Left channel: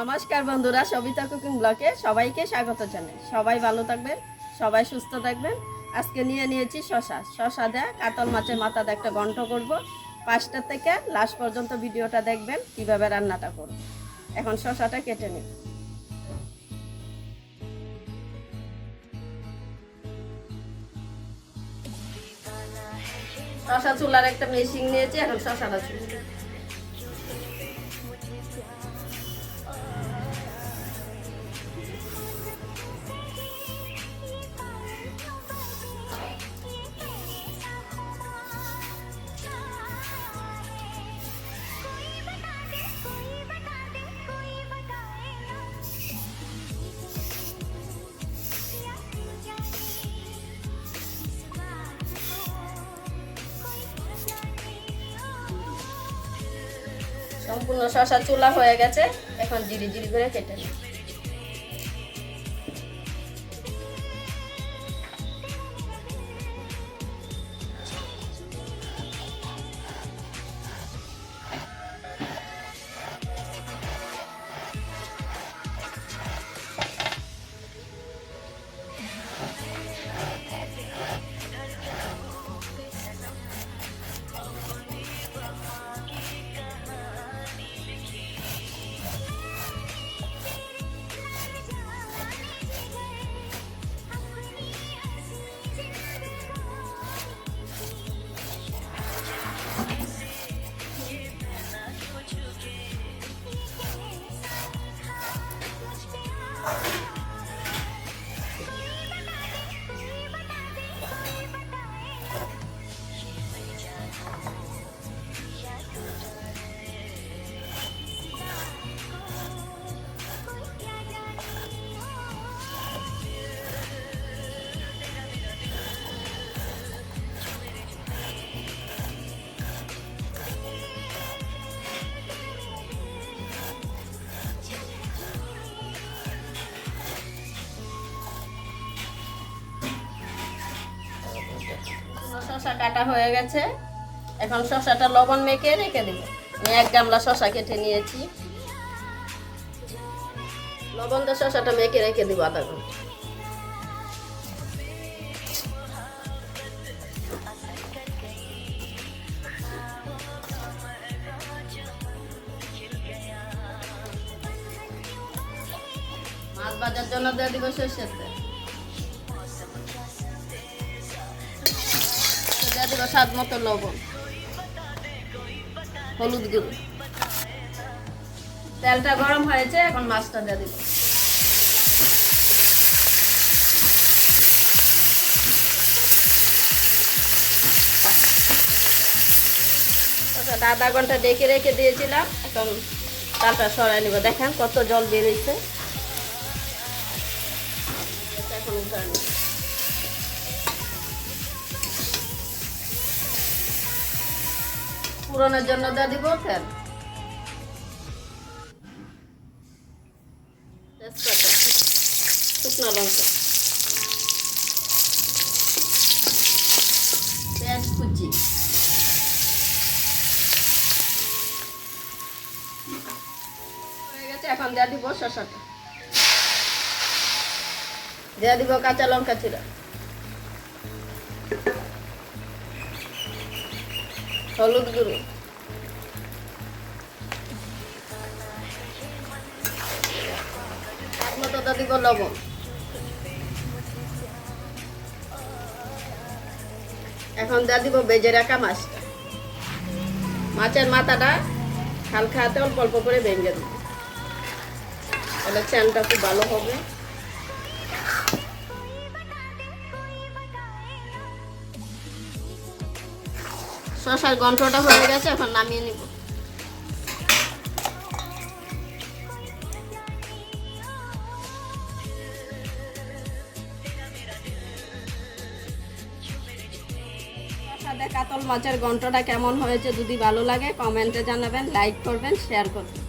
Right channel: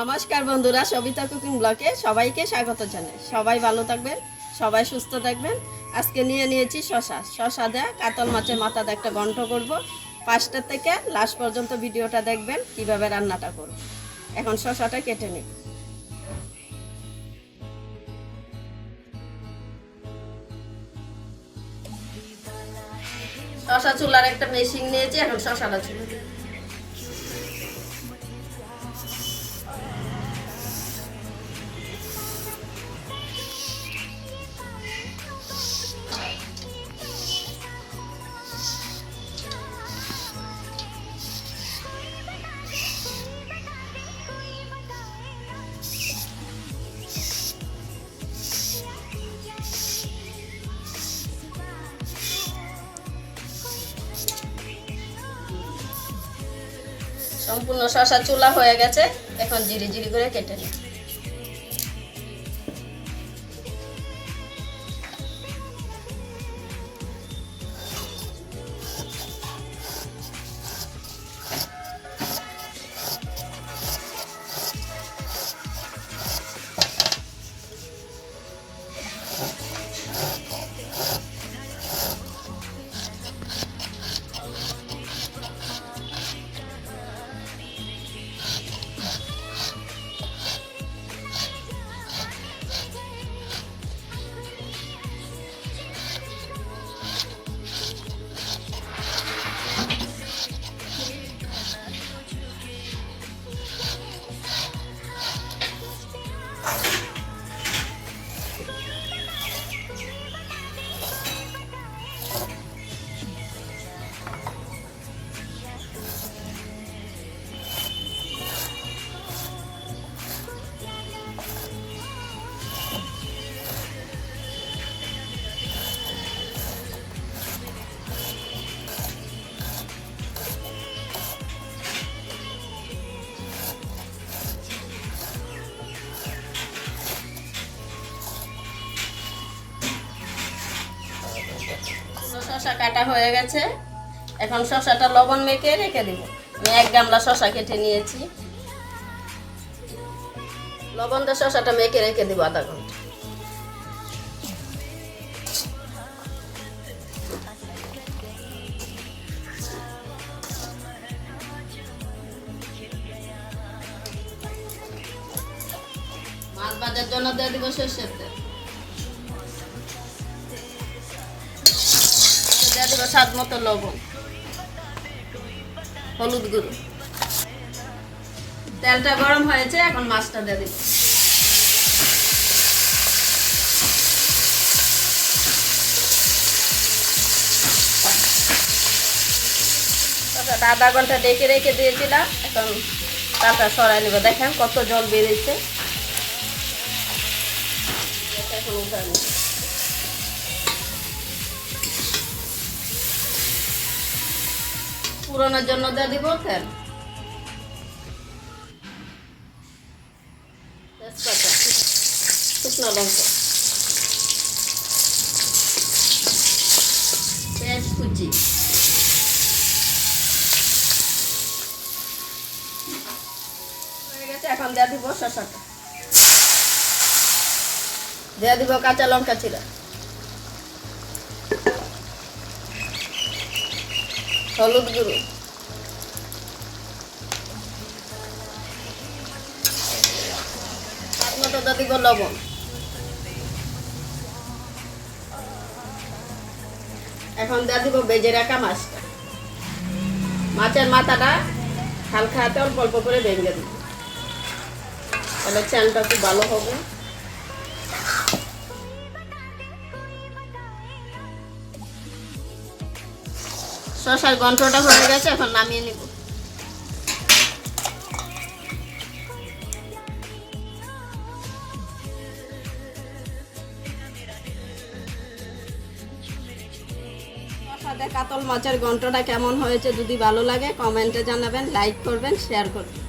নমস্কার বন্ধুরা, সবিতা কুকিং ব্লগে সবাইকে স্বাগত জানাই। সবাই ভালো থাকবেন, সবাই সুস্থ থাকবেন। আজকে নিয়েছি শশা দেয়া কাতল মাছের মাথা দিয়ে একটা ঘন্ট করব। 5টা থেকে লাস্ট পর্যন্ত ভিডিওটা দেখবেন কিভাবে রান্নাটা করব। এখন শশাটা কেটে নিই। শশা চুলার একটা মেশিন নিয়েছি, এখন শশাটা চুলে দিই। সম্পূর্ণ শশা চুলা হয়ে গেছে, এখন জিরি জিরি করে কেটে নিই। শশা কাটা হয়ে গেছে, এখন শশাটা লবণ মেখে রেখে দিব। আমি 1 গামলা শশা কেটে নিয়েছি, লবণ দিয়ে শশাটা মেখে রেখে দিব আধা ঘন্টা। মাছ ভাজার জন্য দিয়ে দিব সরষের তেল, দিয়ে দেবো স্বাদ মতো লবণ, হলুদ গুঁড়ো। তেলটা গরম হয়েছে, এখন মাছটা দিয়ে দিব। আধা ঘন্টা ডেকে রেখে দিয়েছিলাম, এখন তালটা সরাই নেবে। দেখেন কত জল বেরিয়েছে, এখন উঠাই নেব। পুরনের জন্য দিয়ে দিব তেল, তেজপাতা, শুকনো লঙ্কা, পেঁয়াজ কুচি, হয়ে গেছে। এখন দিয়ে দিব শসাটা, দিয়ে দিব কাঁচা লঙ্কা চিরা, হলুদ গুঁড়ো, স্বাদ মতো দিয়ে দিব লবণ। এখন দিয়ে দিব ভেজে রাখা মাছটা। মাছের মাথাটা হালকা হাতে অল্প অল্প করে ভেঙে দিব, তাহলে চালটা খুব ভালো হবে। শসার ঘন্টটা হয়ে গেছে, এখন নামিয়ে নিব। শসা দিয়ে কাতল মাছের ঘন্টটা কেমন হয়েছে যদি ভালো লাগে কমেন্টে জানাবেন, লাইক করবেন, শেয়ার করবেন।